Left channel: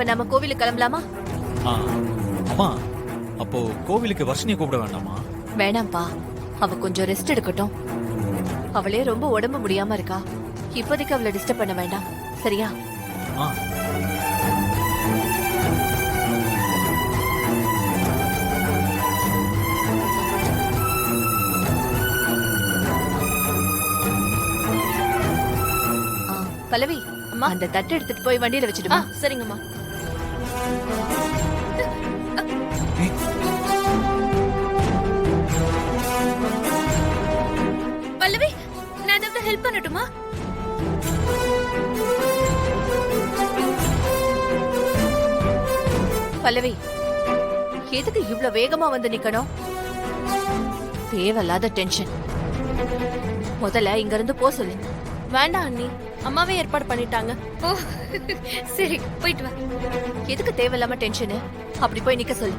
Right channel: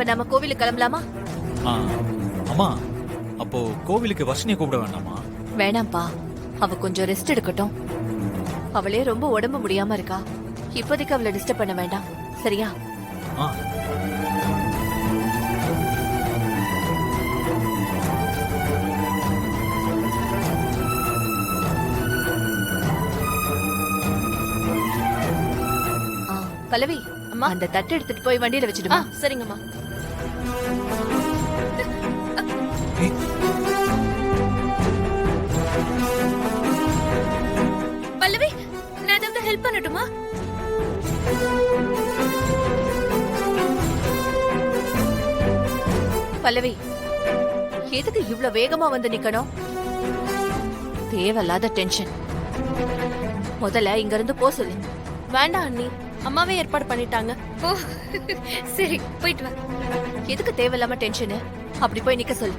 இப்ப நம்ம கோவிலுக்கு கிளம்பலாமா? ஆ, அம்மா அப்போ கோவிலுக்கு வர்ஷினியை கூப்பிட வேண்டாமா? வேணாம்ப்பா, அவ கொஞ்சம் ரெஸ்ட் எடுக்கட்டும். அவளே ரொம்ப உடம்பு முடியாம இருக்கா. இப்போதைக்கு அவளை டிஸ்டர்ப் பண்ண வேண்டாம், சரியா? ஆ, பல்லவி, அம்மா அந்த தட்டு எடுத்துட்டு போய் வண்டியில வச்சிடுமா? சரிங்கம்மா. ஏய், பல்லவி, நான் ஏதாவது ஹெல்ப் பண்ணட்டுமா? பல்லவி, எதுக்கு இவ்ளோ வேகமா வந்து நிக்கணும்? தேவையில்லாத டென்ஷன். முதல்ல இங்க இருந்து போ சொல்லு. வேண்டாம் அண்ணி, அம்மாவே ஏற்பாடு பண்ணிட்டாங்க. ஓ சரி, போயிட்டு வா. எதுக்கு தேவையில்லாம டென்ஷனு? அப்படி போய் நிக்க சொல்லு.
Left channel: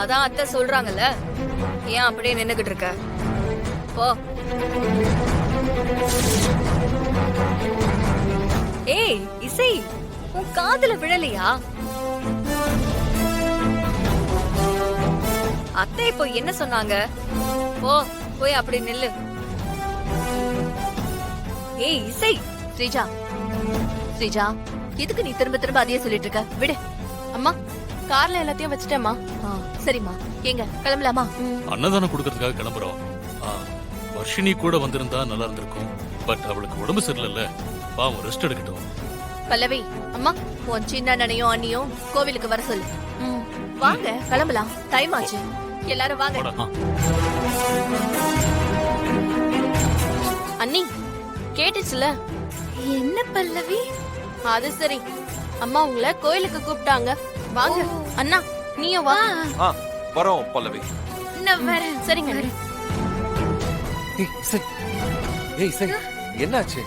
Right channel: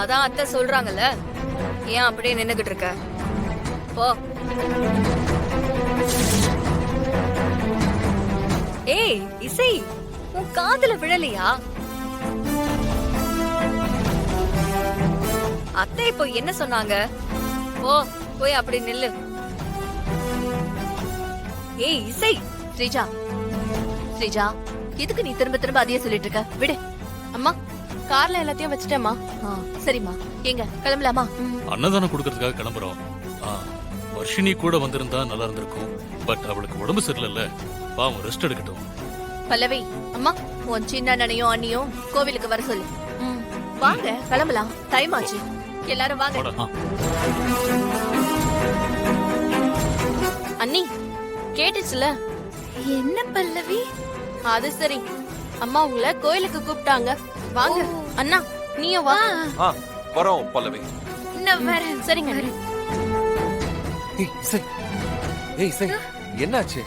அதான் அத்தை சொல்றாங்கல்ல, ஏன் அப்படியே நின்னுகிட்டு இருக்க? போ. ஏய் இசை, உன் காதுல விழலையா? அத்தை இப்போ என்ன சொன்னாங்க? போ, போய் அப்படி நில்லு. ஏய் இசை. ஸ்ரீஜா, ஸ்ரீஜா, எதுக்கு நீ திரும்ப திரும்ப அதையே சொல்லிட்டு இருக்க? விடு. அம்மா, கார்ல எல்லாத்தையும் வச்சுட்டேம்மா. சரிம்மா, எங்க கிளம்பலாமா? அன்னதானம் கொடுக்கறதுக்காக கிளம்புறோம். வர்ஷினி கூட வந்திருந்தா நல்லா இருந்திருக்கும். பட் அவளுக்கு உடம்பு சரியில்லைல்ல, பாவம் ரெஸ்ட் எடுக்கட்டும். பல்லவி, அம்மா, உன் சின்ன அண்ணனையும் அண்ணியும் கோவிலுக்கு வர சொல்லு. வாங்க கிளம்பலாம், டைம் ஆச்சு. எல்லாரும் வாங்க. போடா. அண்ணி கேட்டுச்சுல? என்ன பல்லவி? அது சரி, அம்மா உங்களை கோயிலுக்கு கூப்பிட்டாங்க, வாங்க. அண்ணா நீயும் வா. வரோம் பல்லவி. நான் வரேன். சரிங்க அண்ணி. ஏய் இசை, ஏய் இசை, என்னாச்சு?